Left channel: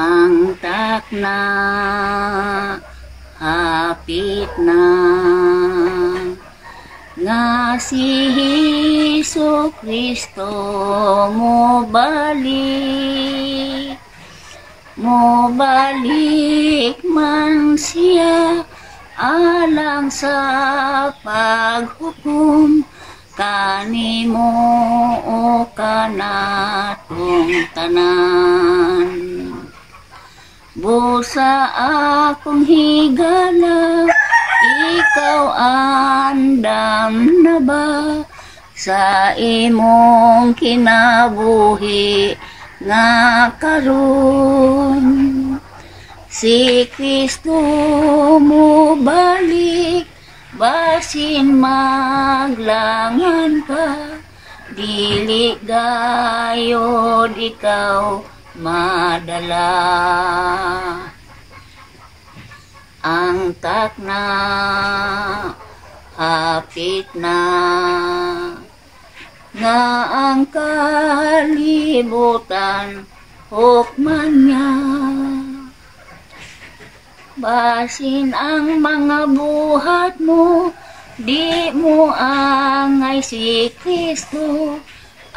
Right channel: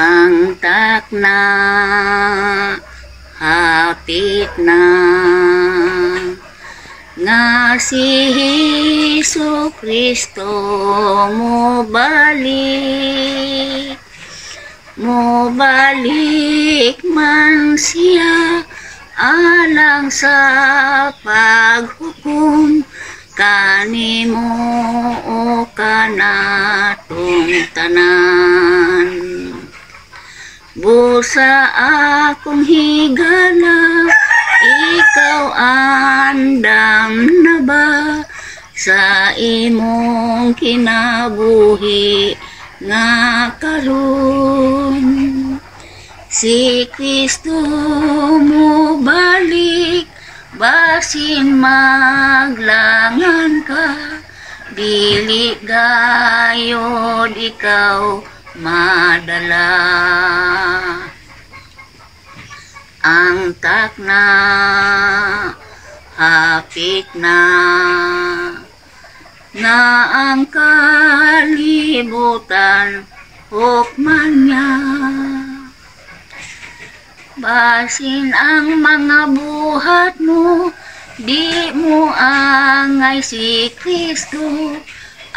Ang takna, hapit na, nga si Hesu Kristo mo balik man siya alang sa paghukom kanimo o kanatong tanan. Busa akong higala, ikaw andam na ba sa imong kinabuhi nga karon? Si Kristo mo balik, basin maglangan ka, dili gayod ikaw madala. Ang takna, hapit na, nga ang kalibutan hukman niya. Basin ang mga buhat mo, di mo angay si Kristo,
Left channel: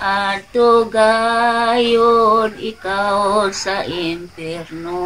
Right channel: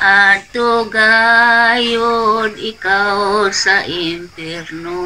at gayod ikaw sa impyerno.